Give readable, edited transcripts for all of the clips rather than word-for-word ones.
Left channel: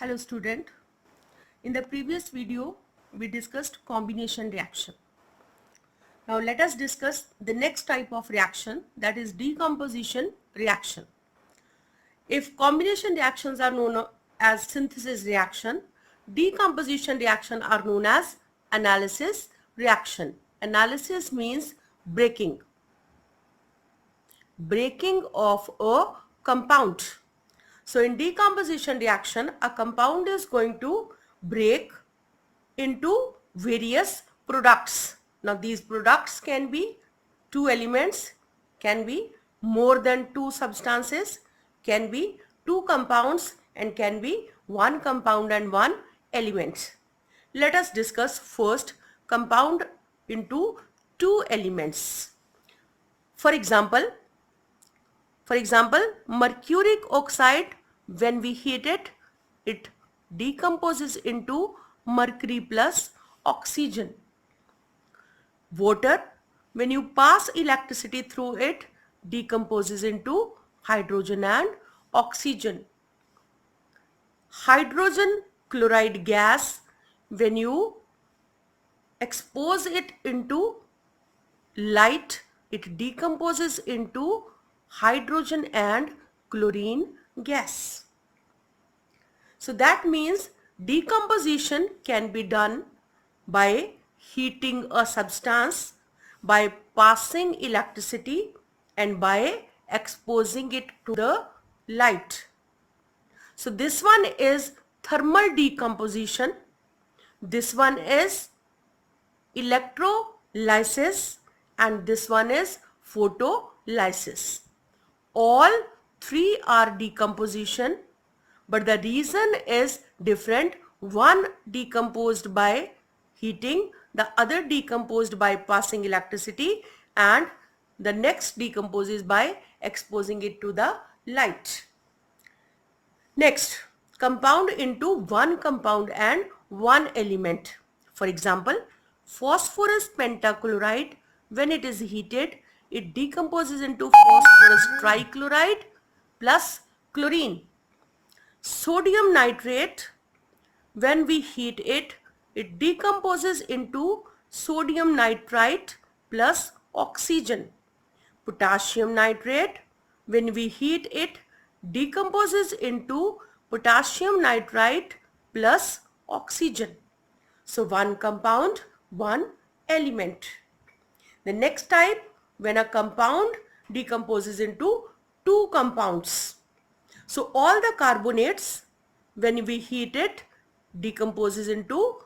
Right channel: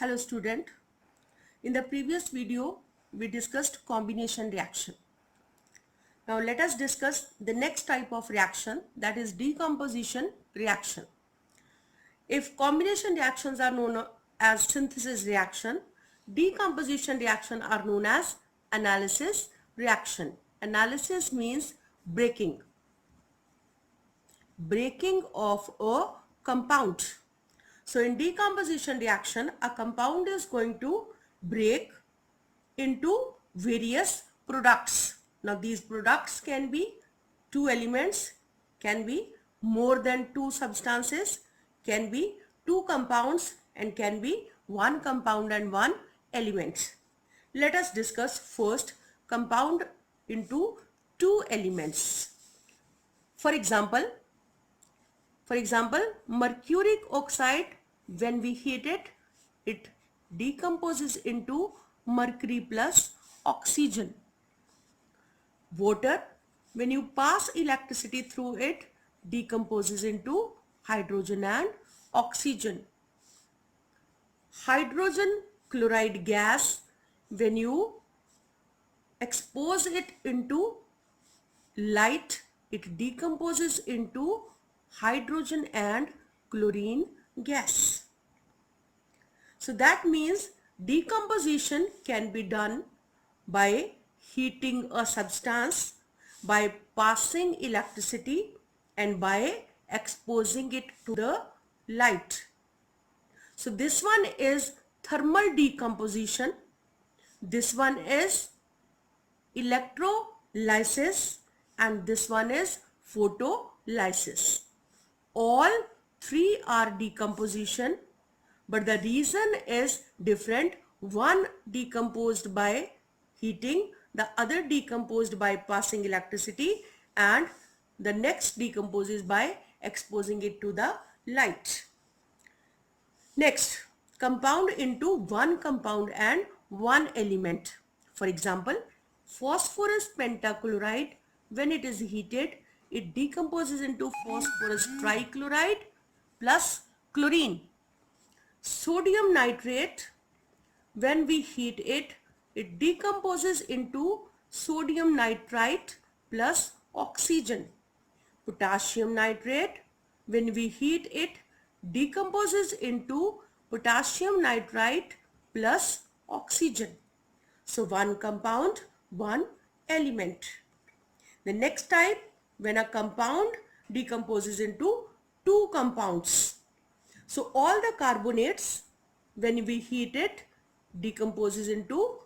Hello student. In the previous video we discussed combination reaction. Now let us discuss the next type of reaction, that is decomposition reaction. If combination reactions are known as synthesis reaction, decomposition reaction are known as analysis reaction. Analysis means breaking of a compound. So in decomposition reaction, a compound is going to break into various products. Now these products can be two elements, can be more than two substances, can be two compounds, and can be one compound and one element. Let us discuss first compound into two elements. For example, mercuric oxide, when we heat it, it decomposes into mercury plus oxygen. Water, when you pass electricity through it, decomposes into hydrogen and oxygen. Hydrogen chloride gas, when you expose it into light, it decomposes into hydrogen and chlorine gas. So that means decomposition can be done by heating a substance, by passing electricity, and by exposing it to the light. So this one is thermal decomposition, this one is electrolysis, and this one is photolysis. All three are decomposition, but the reason is different. One decomposed by heating, the other decomposed by passing electricity, and the next decomposes by exposing it to the light. Next, compound into one compound and one element. For example, phosphorus pentachloride, when it is heated, it decomposes into phosphorus trichloride plus chlorine. Sodium nitrate, when we heat it, it decomposes into sodium nitrite plus oxygen. Potassium nitrate, when we heat it, decomposes into potassium nitrite plus oxygen. So one compound, one element. The next type, when a compound decomposes into two compounds. So all the carbonates, when we heat it, decomposes into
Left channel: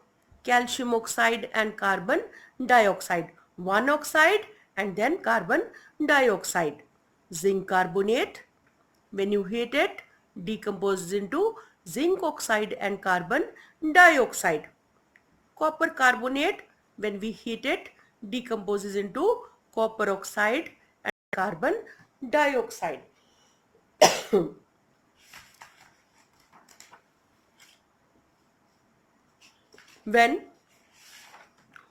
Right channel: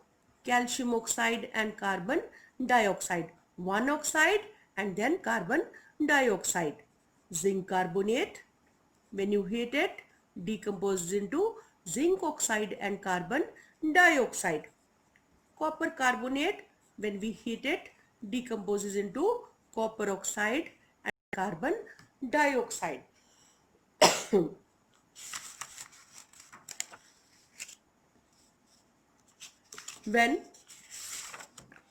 calcium oxide and carbon dioxide. One oxide and then carbon dioxide. Zinc carbonate, when you heat it, decomposes into zinc oxide and carbon dioxide. Copper carbonate, when we heat it, decomposes into copper oxide and carbon dioxide. When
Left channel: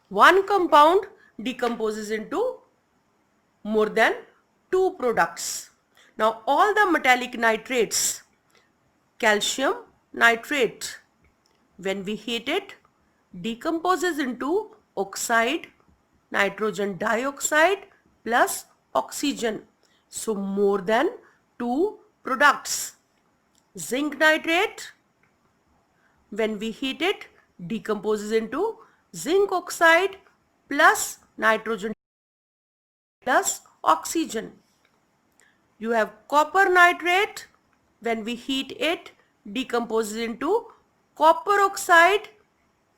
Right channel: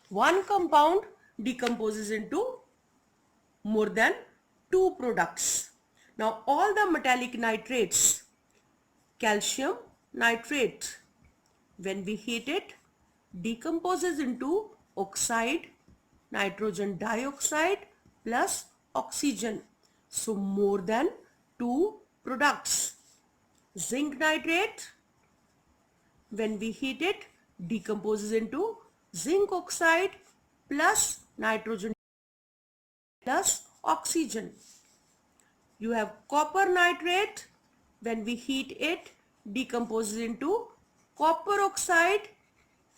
one compound decomposes into more than two products. Now all the metallic nitrates, calcium nitrate, when we heat it, decomposes into oxide, nitrogen dioxide plus oxygen. So more than two products. Zinc nitrate, when we heat it, decomposes into zinc oxide plus nitrogen plus oxygen. You have copper nitrate, when we heat it, decomposes into copper oxide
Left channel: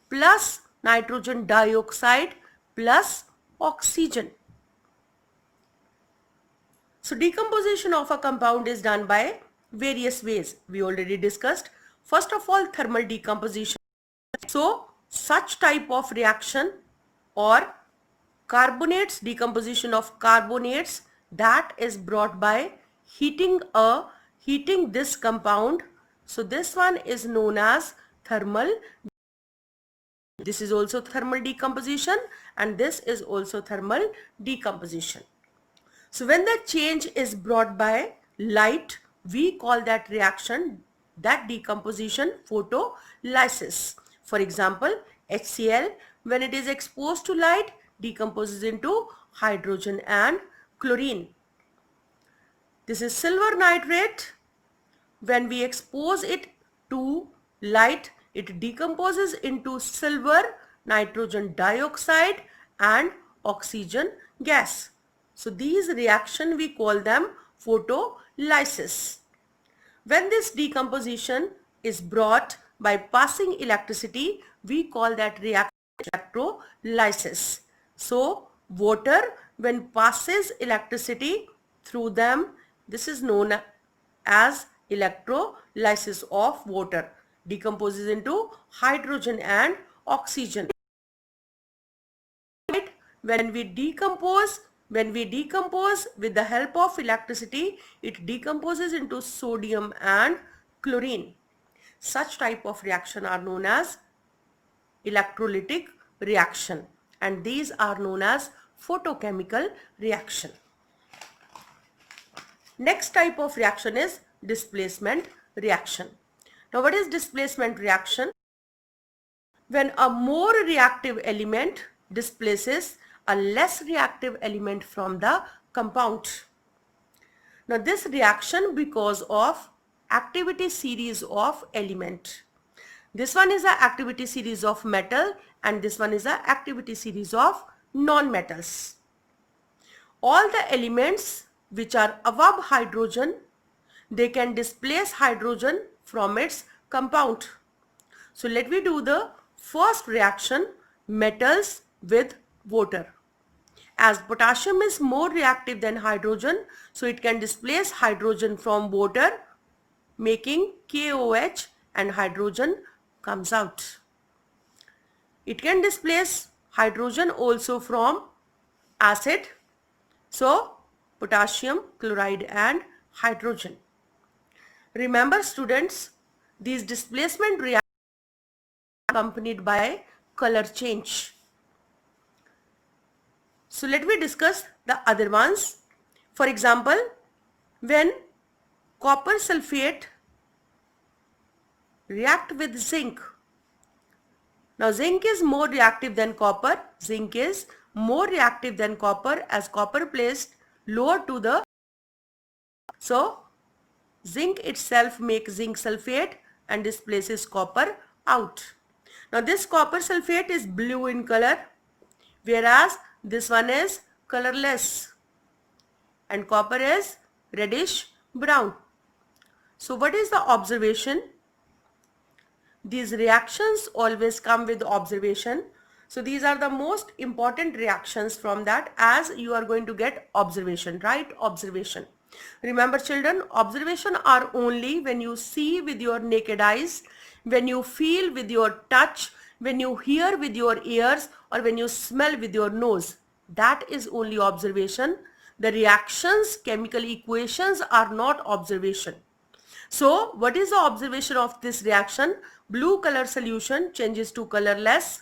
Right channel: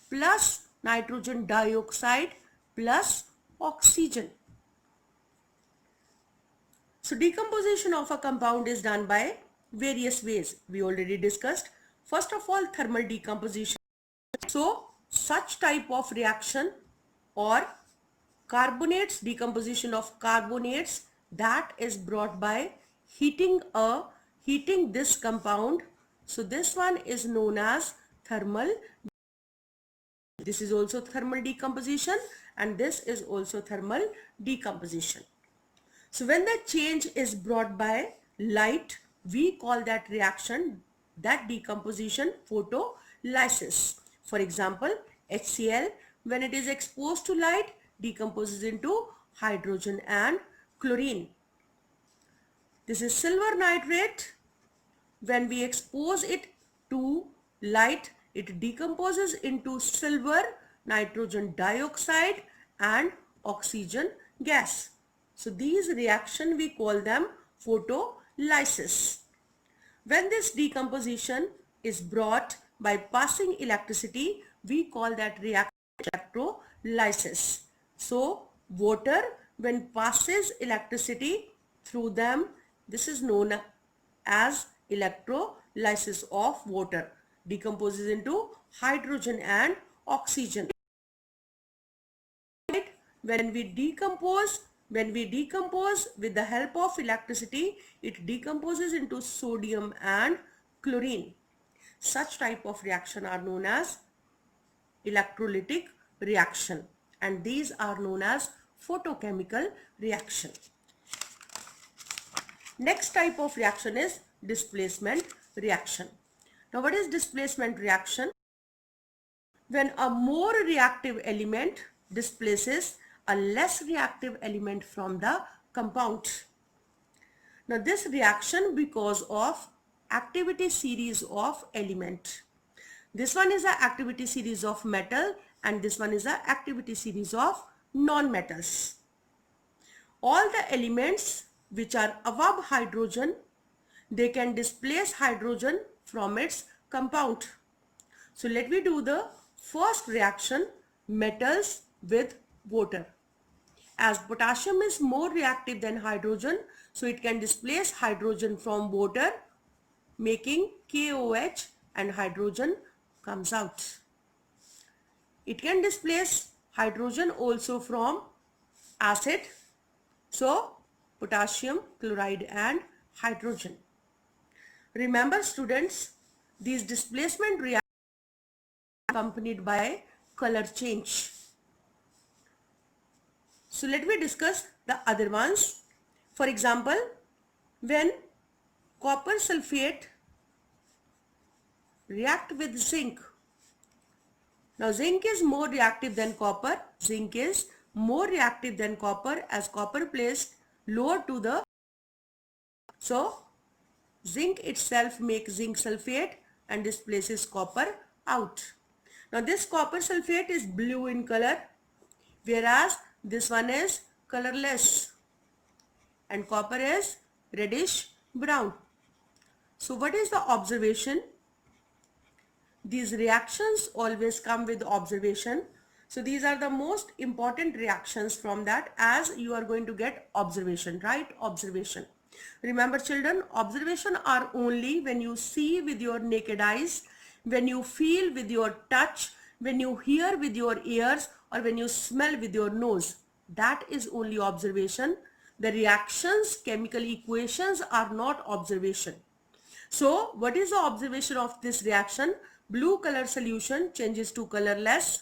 plus nitrogen dioxide plus oxygen. So decomposition of a compound is done by various ways. We already discussed. First of all, thermal decomposition. So such type of reaction or carbonates, decomposition of carbonates, that is brought by heating this compound. So this one is known as thermal. This is also thermal decomposition and this is also thermal decomposition. So when the change is brought by light, we call that reaction that decomposition photolysis. For example, HCl, when it is exposed to light, decomposes into hydrogen and chlorine. This is silver nitrate. When we expose it to light, it decomposes into silver, nitrogen dioxide and oxygen gas. So these reaction we call them photolysis. When this decomposition is brought by passing electricity, we call that reaction electrolysis. So water, when passes electricity through them, this is known as electrolysis of water. Decomposes into hydrogen and oxygen. When we decompose with the help of electricity, it decomposes into sodium and chlorine. Such type of reaction are known as electrolytic reaction, and these are known as photochemical reaction. Next type of reaction is displacement reaction. Now what is displacement reaction? When a more reactive element displaces a less reactive element from the compound. Now this reaction because of activity series of element. This one is the activity series of metal and this one is the activity series of non-metals. All the elements which are above hydrogen, they can displace hydrogen from its compound. So let me do the first reaction, metals with water. As potassium is more reactive than hydrogen, so it can displace hydrogen from water, making KOH, and hydrogen comes out. It can displace hydrogen also from acid, so potassium chloride and hydrogen. Remember students, these displacement reactions are accompanied by color change. So let me discuss the other ones. For example, when copper sulfate react with zinc. Now zinc is more reactive than copper. Zinc is more reactive than copper as copper placed lower to the. So zinc itself makes zinc sulfate and displaces copper out. Now this copper sulfate is blue in color, whereas this one is colorless and copper is reddish brown. So what is the observation? These reactions always come with observation. So these are the most important reactions from that, as you are going to get observation, right? Observation. Remember children, observation are only when you see with your naked eyes, when you feel with your touch, when you hear with your ears, or when you smell with your nose. That is only observation. The reactions, chemical equations are not observation. So what is the observation of this reaction? Blue color solution changes to colorless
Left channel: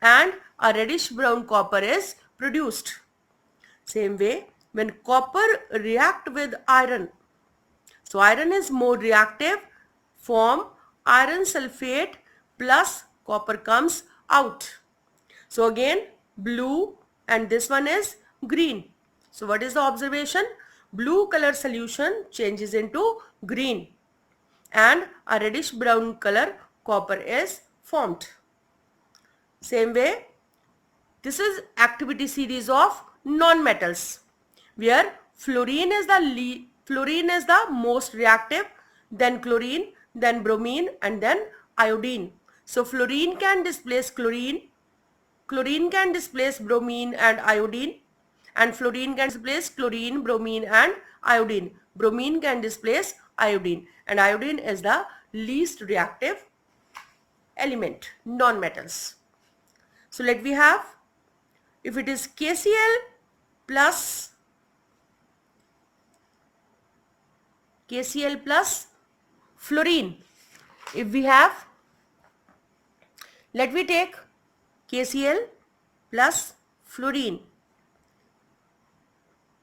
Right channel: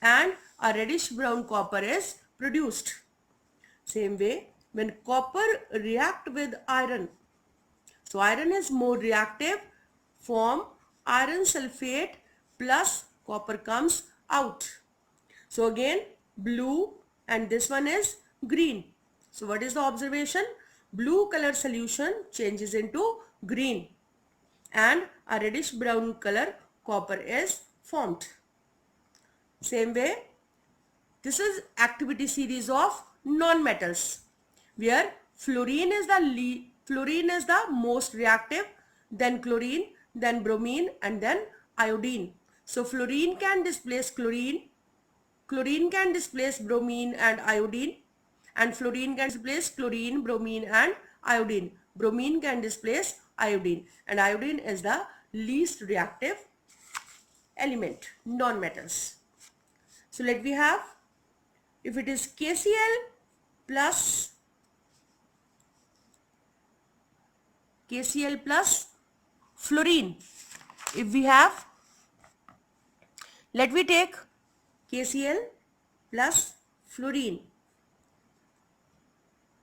and a reddish brown copper is produced. Same way, when copper react with iron, so iron is more reactive, form iron sulfate plus copper comes out. So again blue and this one is green. So what is the observation? Blue color solution changes into green and a reddish brown color copper is formed. Same way, this is activity series of non-metals where fluorine is the most reactive, then chlorine, then bromine and then iodine. So fluorine can displace chlorine, chlorine can displace bromine and iodine, and fluorine can displace chlorine, bromine and iodine. Bromine can displace iodine, and iodine is the least reactive element, non-metals. So let we have, if it is KCl plus fluorine, if we have, let me take KCl plus fluorine,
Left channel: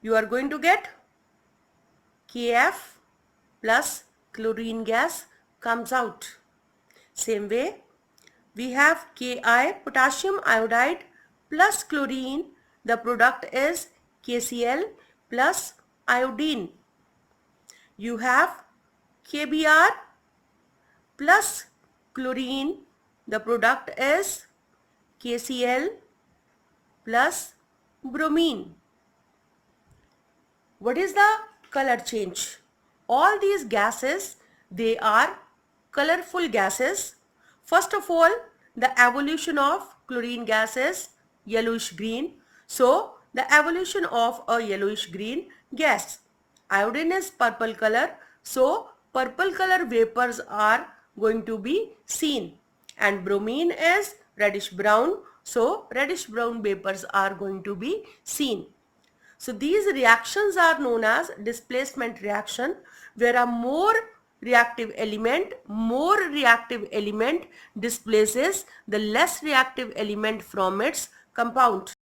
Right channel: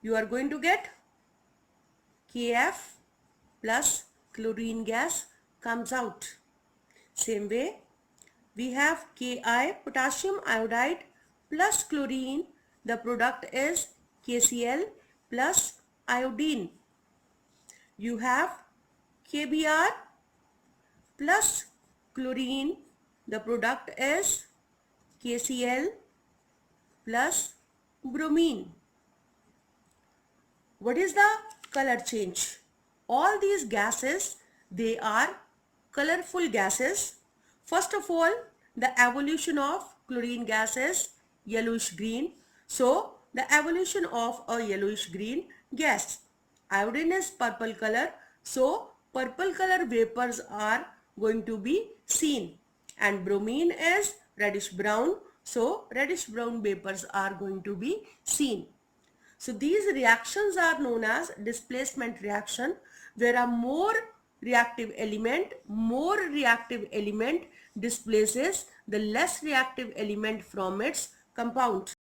you are going to get Kf plus chlorine gas comes out. Same way, we have Ki, potassium iodide plus chlorine. The product is KCl plus iodine. You have KBr plus chlorine. The product is KCl plus bromine. What is the color change? All these gases, they are colorful gases. First of all, the evolution of chlorine gas is yellowish green. So, the evolution of a yellowish green gas. Iodine is purple color. So, purple color vapors are going to be seen. And bromine is reddish brown. So, reddish brown vapors are going to be seen. So these reactions are known as displacement reaction, where a more reactive element displaces the less reactive element from its compound.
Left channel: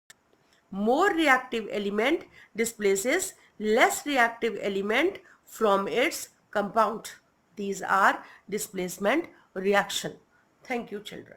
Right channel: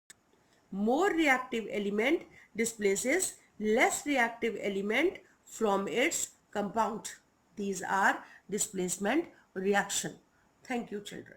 More reactive element displaces less reactive element from its compound. These are displacement reaction. Thank you, children.